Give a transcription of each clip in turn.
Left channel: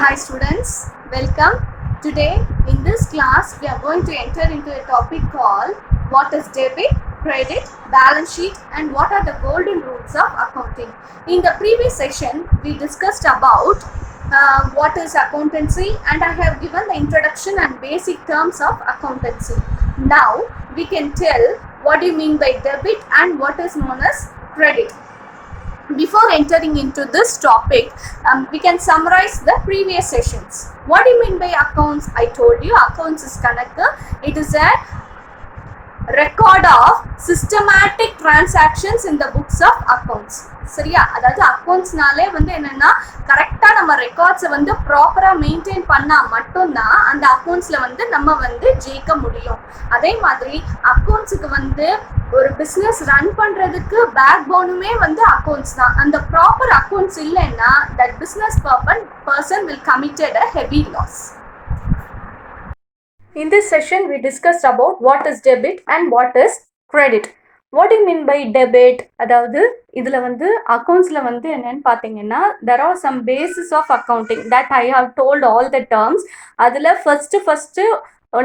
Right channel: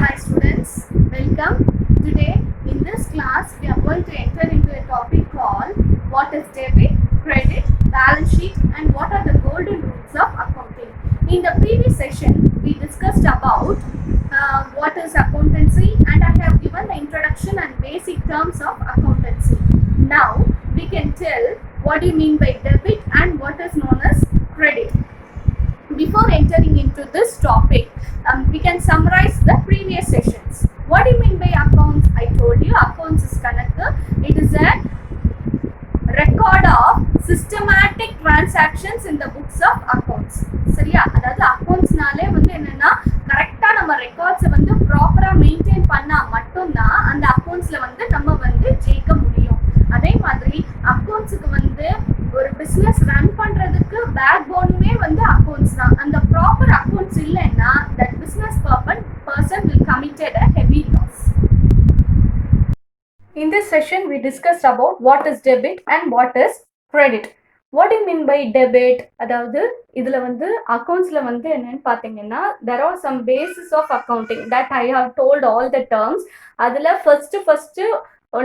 Hi students, welcome. Today in this class we are going to enter into a topic called what is debit, credit, balance sheet and what are the golden rules of accounting. In the previous session we discussed about what is accountancy and I have given the introduction and basic terms of accountancy. Now we can tell what do you mean by debit and what is known as credit. Before entering into this topic, we can summarize the previous sessions. What do you mean by accounts? I told you accounts is kanakku. It is a record of systematic transactions in the books of accounts. சரியா? அதாவது அக்கௌண்ட்ஸ்னாலே வந்து என்னன்னா கரெக்டாக நம்ம ரெக்கார்ட்ஸை வந்து ப்ராப்பராக மெயின்டைன் பண்ணால் மட்டும்தான் அந்த அக்கௌண்ட்ஸில் வந்து நம்ம வந்து ஜெயிக்க முடியும். அதே மாதிரி அக்கௌண்ட்ஸுக்கு வந்து ஒரு பிஸ்னஸ் ரன் பண்ணுறதுக்கு பேக் போனுமே வந்து அக்கௌண்ட்ஸ் தான். அந்த ப்ராப்பர் அக்கௌண்ட்ஸ் இல்லைன்னா that business person will committed a heavy loss. In this session, we discussed about what is debit and what is credit. What do you mean by debit? அதாவது இதில் வந்து அக்கௌண்ட்ஸில் வந்து என்னன்னு பார்த்தீங்கன்னா there are some basis of accounting that I have told all the terms. அதில் ஃபஸ்ட்டு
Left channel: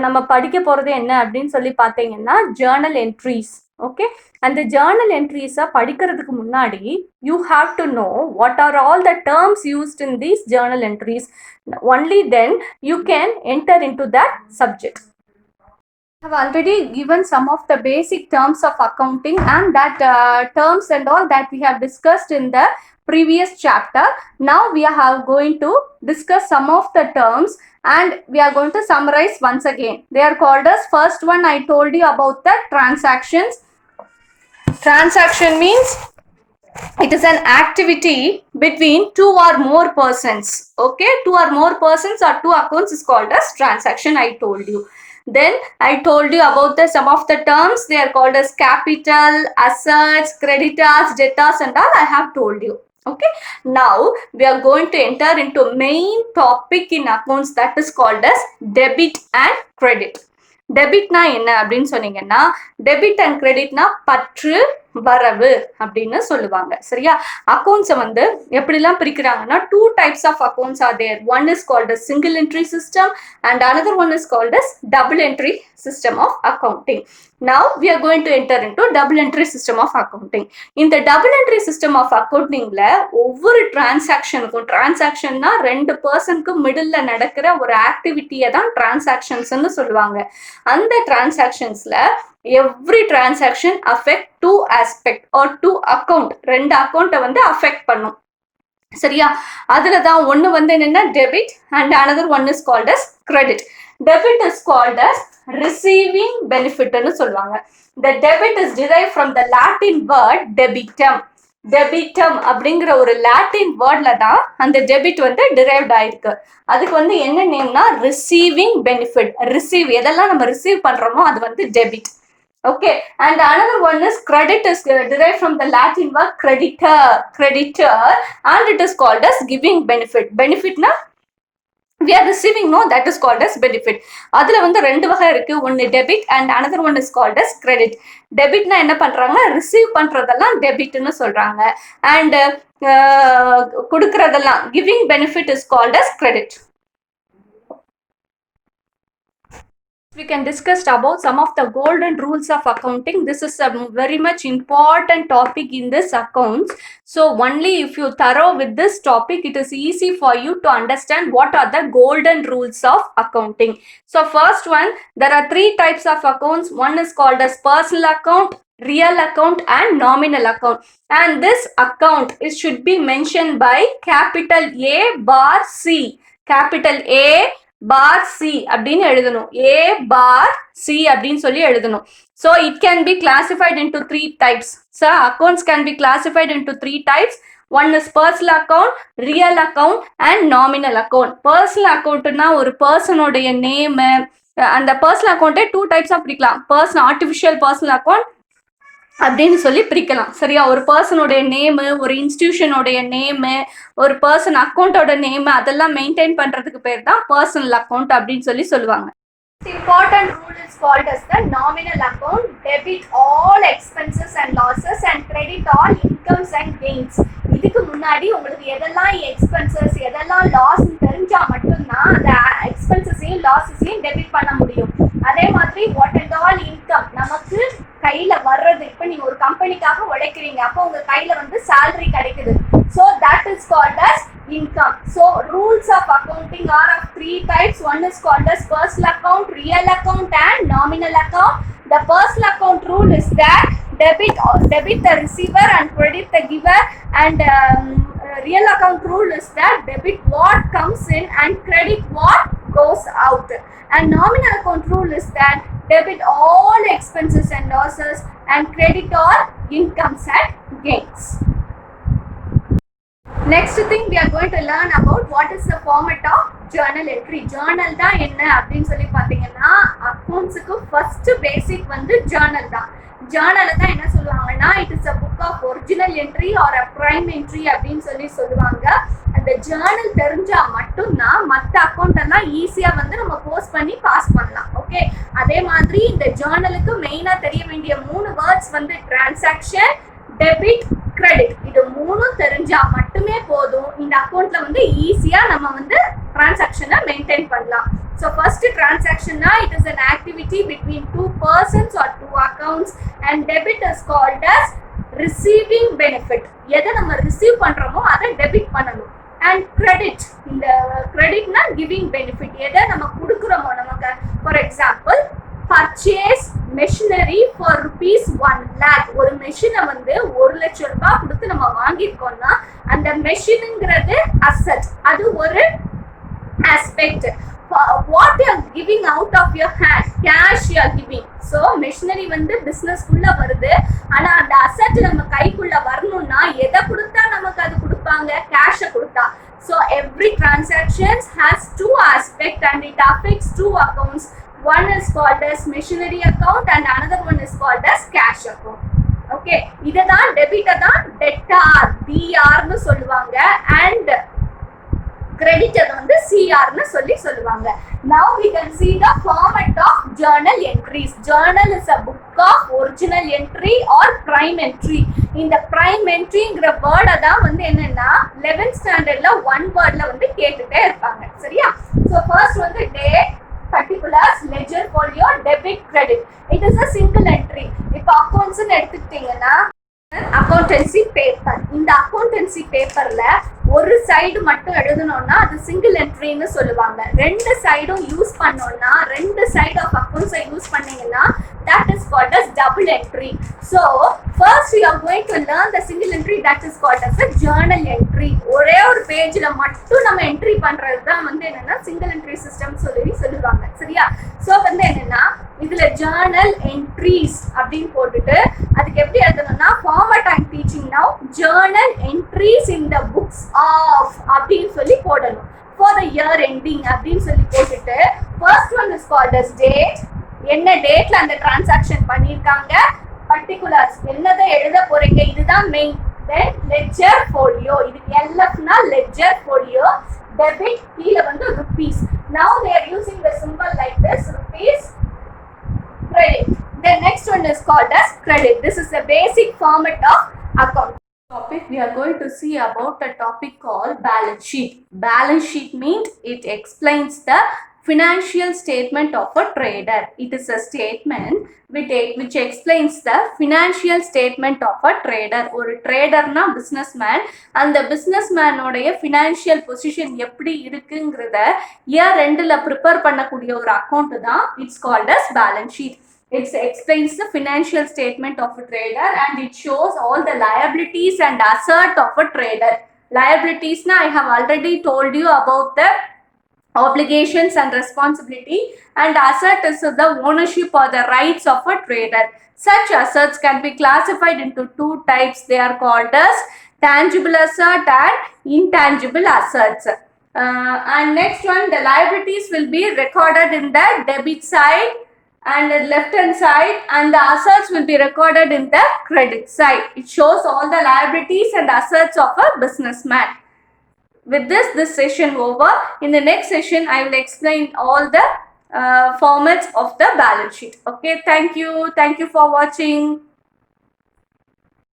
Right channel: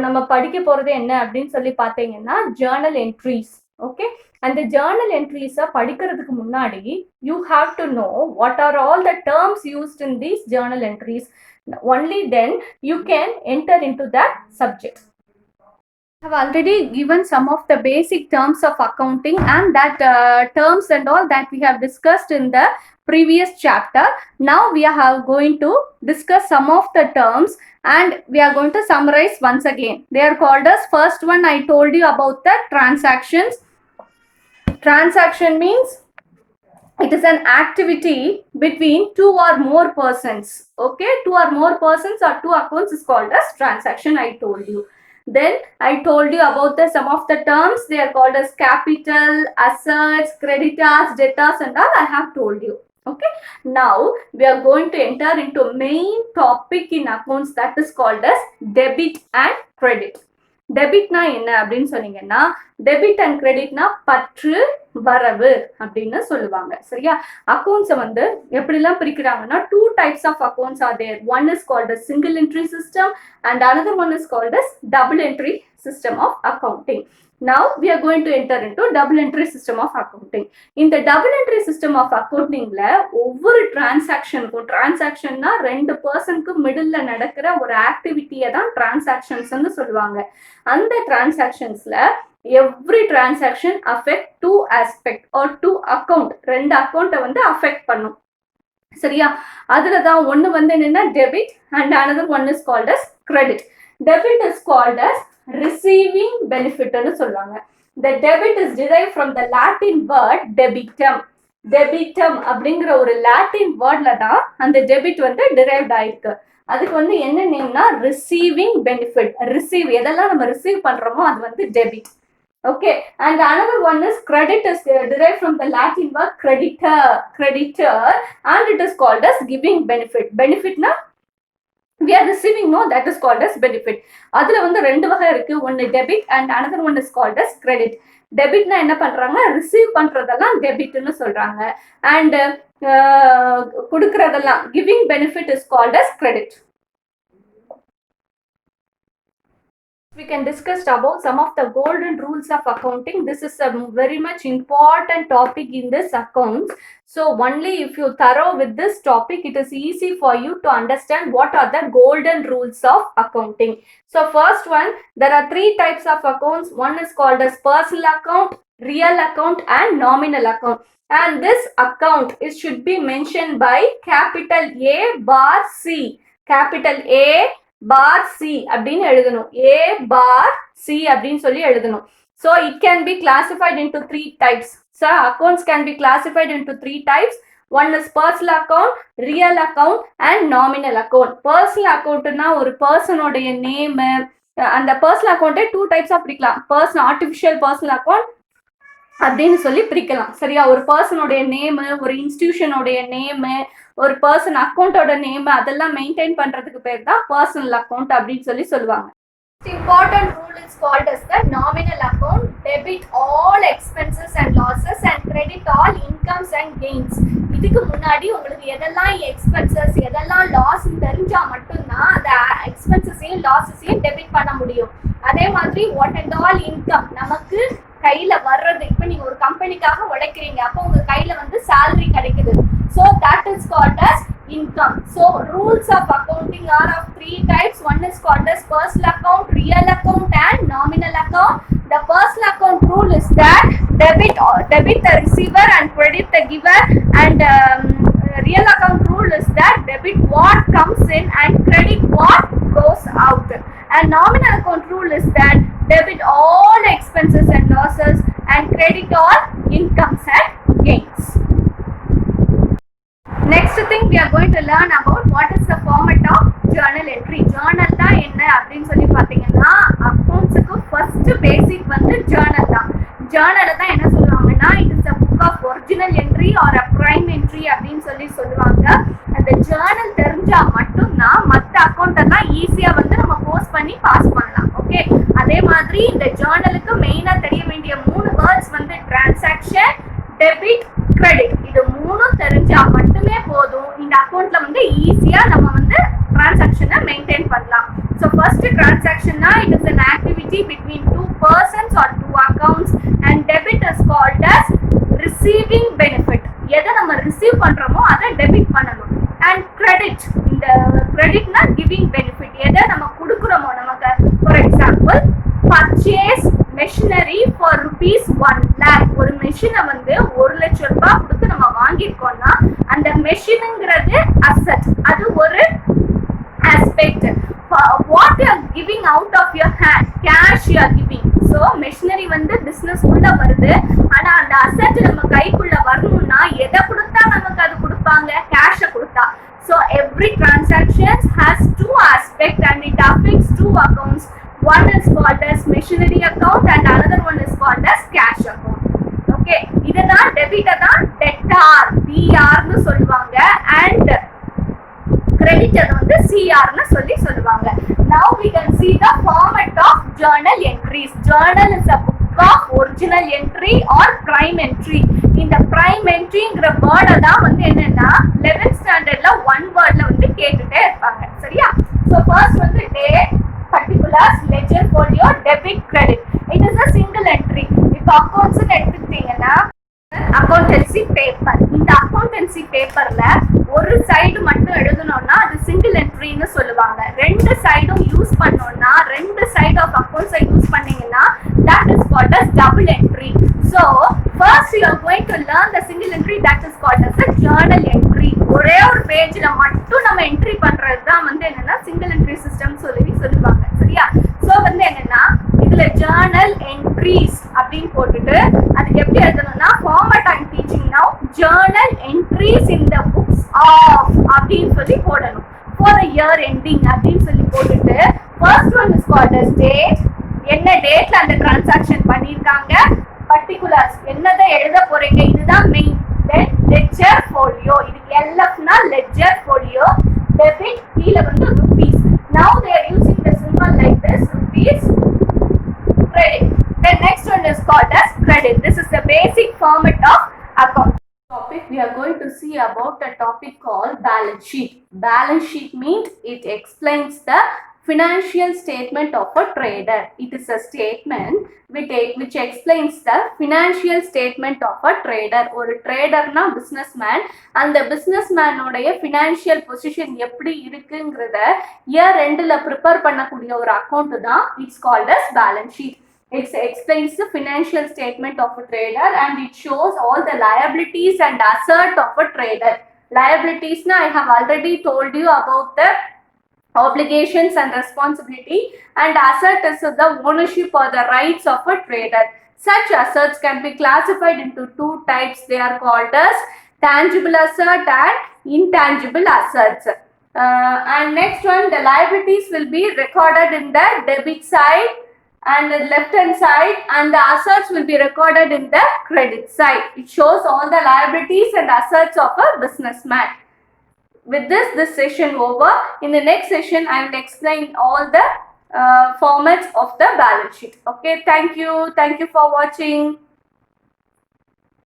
நம்ம படிக்க போகிறது என்ன அப்படின்னு சொல்லி பார்த்தீங்கன்னா ஜேர்னல் என்ட்ரிஸ். ஓகே, அந்த ஜேர்னல் என்ட்ரிஸை படிக்கிறதுக்கு முன்னாடி you have to know what are all the terms used in these journal entries. Only then you can enter into that subject. I have already given some of the basic terms of accounting and that terms and all that we have discussed in the previous chapter. Now we are going to discuss some of the terms and we are going to summarize once again. They are called as, first one I told you about the transactions. Transaction means it is an activity between two or more persons. Okay, two or more persons or two accounts is called as transaction. I told you. Then I told you about the some of the terms. They are called as capital, assets, creditors, debtors and all I have told you. Okay, now we are going to enter into main topic in accounts, that is called as debit and credit. டெபிட்னா என்ன அப்படின்னு சொன்னீங்கன்னா debit and கிரெடிட்னா பற்று வரவு அப்படின்னு சொல்லுவாங்க. சரியா? அக்கௌண்ட்ஸை வந்து எப்படிலாம் பிரிக்கிறாங்கன்னா two types of accounts are there. One is called as single entry system and another one is called as double entry system of accounting. Now we are going to enter into double entry system of accounting. In the double entry system of accounting ல ஒவ்வொரு டிரான்சாக்ஷனுக்கும், டிரான்சாக்ஷன்னா ரெண்டு பர்சனுக்கு மிடில் நடக்கிற ஒரு ஆக்டிவிட்டியை தான் டிரான்சாக்ஷன்ஸ்ன்னு சொல்லுவாங்க. அந்த டிரான்சாக்ஷன்ஸ்ல every transaction affect two aspect or two account, ரெண்டு அக்கௌண்ட்டை வந்து அஃபெக்ட் பண்ணும். சரியா? அதுல தான் ஒன்று வந்து என்னன்னா debit and another one is called as credit. Debit is called as receiving benefit ன்னு சொல்லுவாங்க. The debit is derived from the Latin word debitum. Debitum அப்படிங்கிற ஒரு லாட்டின் வேர்ட்ல தான் அந்த டெபிட் வந்து டிரைவ்ட் ஆயிருக்கு. அதுக்கு வந்து என்ன நேம்னா ரிசீவிங் பெனிஃபிட். ரிசீவ், எதெல்லாம் நம்ம ரிசீவ் பண்றோமோ அது வந்து debit. Okay, and another one is credit is derived from the Latin word creditor and it is called as giving benefit. Benefit na we are receiving, no, that is called as benefit. அதுல வந்து ரெண்டு வகை இருக்கு. ஒன்னு debit and another one is called as credit. டெபிட்னா என்ன பண்றாங்க, ரிசீவ் பண்றதெல்லாம் டெபிட்னு சொல்றாங்க and கொடுக்கறதெல்லாம் giving benefit is called as credit. We can discuss about some of the golden rules of accounting. This is a very much important topic in this accounts. So only if you thorough with this topic, it is easy for you to understand what are the golden rules of accounting. So first one, there are three types of accounts. One is called as personal account, real account and nominal account. And this account should be mentioned by capital A bar C. Capital A bar C அப்படின்னு எழுதணும். A bar C அப்படின்னு சொல்லி எழுதணும். So it can be classified into three types. So accounts can be classified into three types. One is personal account, real account and nominal account. Personal accountனா ஒரு பர்சனோடைய நேம், அந்த பர்சனல் அக்கௌண்ட்டே டூ டைப்ஸாக பிரிக்கலாம். பர்சனல் ஆர்டிஃபிஷியல் பர்சனல் அக்கௌண்ட் அப்படின்னு சொல்லி பிரிக்கலாம். சரியா? ஒரு பர்சனுடைய நேமு, ஒரு இன்ஸ்டிடியூஷனுடைய நேமு, ஒரு பர்சன் அக்கௌண்ட்டோட நேமு, அதெல்லாம் மெயின்டைன் பண்றதுக்கு பேர் தான் பர்சனல் அக்கௌண்ட் அப்படின்னு சொல்லி சொல்லுவாங்க. The important rule is called as the nominal account. Debit all expenses and losses and credit all incomes and gains. இதுக்கு முன்னாடி உங்களுக்கு எதெல்லாம் எக்ஸ்பென்சஸ் எதெல்லாம் லாஸ் தெரிஞ்சா லாஸஸையும் டெபிட் பண்ண முடியும். அதே மாதிரி வாட் அண்ட் ஆல் இன்கம் நமக்கு கையில வர்றது, இப்போ நீங்க ஒரு கம்பெனிக்காக உழைக்கிறீங்க, அப்போ உங்க கையில வந்து salary கிடைக்குது. So that is called as income. So rules of accounting are of three types. One is called as personal account, real account and nominal account. The personal account rule is that debit the receiver and credit the giver, and real account rule is that debit what comes in and credit what goes out. And nominal account rule is that debit all expenses and losses and credit all incomes and gains. Next thing we are going to learn about what is the format of journal entry. Journal தான் என்ன அப்படின்னு சொல்லி பார்த்தீங்கன்னா, அக்கௌண்ட்ஸுக்கு ஃபர்ஸ்ட் பேசிக் வந்து ஜேர்னல் தான். ஜேர்னலை தான் என்ன சொல்லுவாங்கன்னா, it is a book of original entry or a prime entry அப்படின்னு சொல்லி சொல்லுவாங்க. அந்த ஜேர்னல் தெரிஞ்சா மட்டும்தான் மற்ற அக்கௌண்ட் எல்லாம் ஈஸியா வந்து நம்ம போஸ்ட் பண்ணி பாஸ் பண்ணலாம். ஓகே, அதே மாதிரி இந்த ஜேர்னலுக்கு மெயினா தெரிய வேண்டிய 3 வேர்ட்ஸ் வந்து டிரான்சாக்ஷன், டெபிட், கிரெடிட். இது 3 தெரிஞ்சா மட்டுமே போதும் இந்த அக்கௌண்ட்ல வந்து ஈஸியா நம்ம வந்து டிரான்சாக்ஷனை மெயின்டைன் பண்ணலாம். So first transaction na, it is an activity between 2 persons or 2 accounts, and debit is called as receiving benefit. எதை நம்ம ரிசீவ் பண்றோமோ அதை டெபிட் பண்ணணும். And credit, இந்த credit na giving benefit. எதை நம்ம கொடுக்குறோமோ நமக்கு, for example purchase machinery for rupees 1 lakh. ஒரு மெஷினை வந்து 1 லட்சம் ரூபாய் கொடுத்து நம்ம வாங்கியிருக்கோம்னா அந்த மெஷினுங்கிறது அசெட், அது ஒரு aspect. What you are giving out of your hand, cash you are giving. So machinery வந்து business குள்ள வருது, ஆனா அந்த அசெட் நம்ம கைக்குள்ள வரணும்னா எதை கொடுத்தா நமக்கு அது கொடுப்பாங்க, கேஷை கொடுத்தா. So every transaction has 2 aspects and it affects 2 accounts. One is called as machinery account and another one is called as cash account. Okay, இதுதான் டெபிட்டை தான் debtor, DR னு சொல்லுவாங்க, and credit வந்து CR னு சொல்லுவாங்க. Now we can see the format of journal entries. Journal is a book of original entry or prime entry. இந்த prime entryங்கிற வேர்டை தான் வந்து என்னன்னா 11th ஸ்டாண்டர்ட்ல 1 வேர்ட்ல வந்து கேட்டுட்டே இருப்பாங்க. சரியா? So first வந்து date, particulars, ledger, folio, debit, credit. It is a single entry. இப்போ accounts னு எடுத்துக்கிட்டீங்கன்னா அக்கௌண்டன்சி பேப்பர். இந்த அக்கௌண்டன்சி பேப்பர்ல ஒரு சைடு மட்டும் எழுதணும்னா அது சிங்கிள் என்ட்ரின்னு சொல்லுவாங்க. 2 சைடும் யூஸ் பண்ணோம்னா, 2 சைடு ஆஃப் அக்கௌண்ட்ஸை யூஸ் பண்ணீங்கன்னா that is called as double entry. So first you are going to learn the single entry, that is called as a journal entry. ஒரே ஒரு பேஜ்ல மட்டும் நம்ம என்ட்ரி பண்றது தான் வந்து என்னன்னா சிங்கிள் என்ட்ரி சிஸ்டம் சொல்லுவாங்க. சரியா? சோ வந்து என்னன்னா இதுல journal entries அப்படின்னு போட்டுட்டு அதுக்கு எப்படி எழுதணும்னா, format I'm teaching now, journal entries in the books of அப்படின்னு சொல்லி போடணும். For the year ending அப்படின்னு சொல்லி போட்டுட்டு first one is called as date, என்ன டேட்ல அந்த டிரான்சாக்ஷன் பண்ணிருக்காங்க, particulars என்னதை எழுத போறீங்க, இதுதான் மெயின். then ledger, folio, இது LF னா ledger, folio, debit கீழ வந்து rupees. Now they are using the symbol like this, rupees, credit. The next one is called as credit. This is the basic format of account. Topic we are going to see about a topic called balance sheet. Balance sheet means it explains the financial statement of a trader. It is a statement which explains the financial statement of a trader. ஒரு ட்ரேடர்னா businessman, அந்த businessman உடைய financial position எப்படி இருக்குங்கிறத இயர் எண்டில் ப்ரிப்பேர் பண்ணக்கூடிய ஒரு அக்கௌண்ட் தான் it's called as balance sheet. It explains the financial statement of a trader and it shows all the liabilities and assets of a trader. Liabilities na I have already told you about the obligations and responsibility, and asset is the ownership or the rights of a trader. Such assets can be classified into 2 types. They are called as tangible asset and intangible assets. And next one, the liabilities will be recorded in the debit side and the left hand side, and the assets will be recorded in the credit side. It shows all the liabilities and assets of a businessman. With this session over. In the next session I will explain all the formats of the balance sheet. Okay, thank you for watching.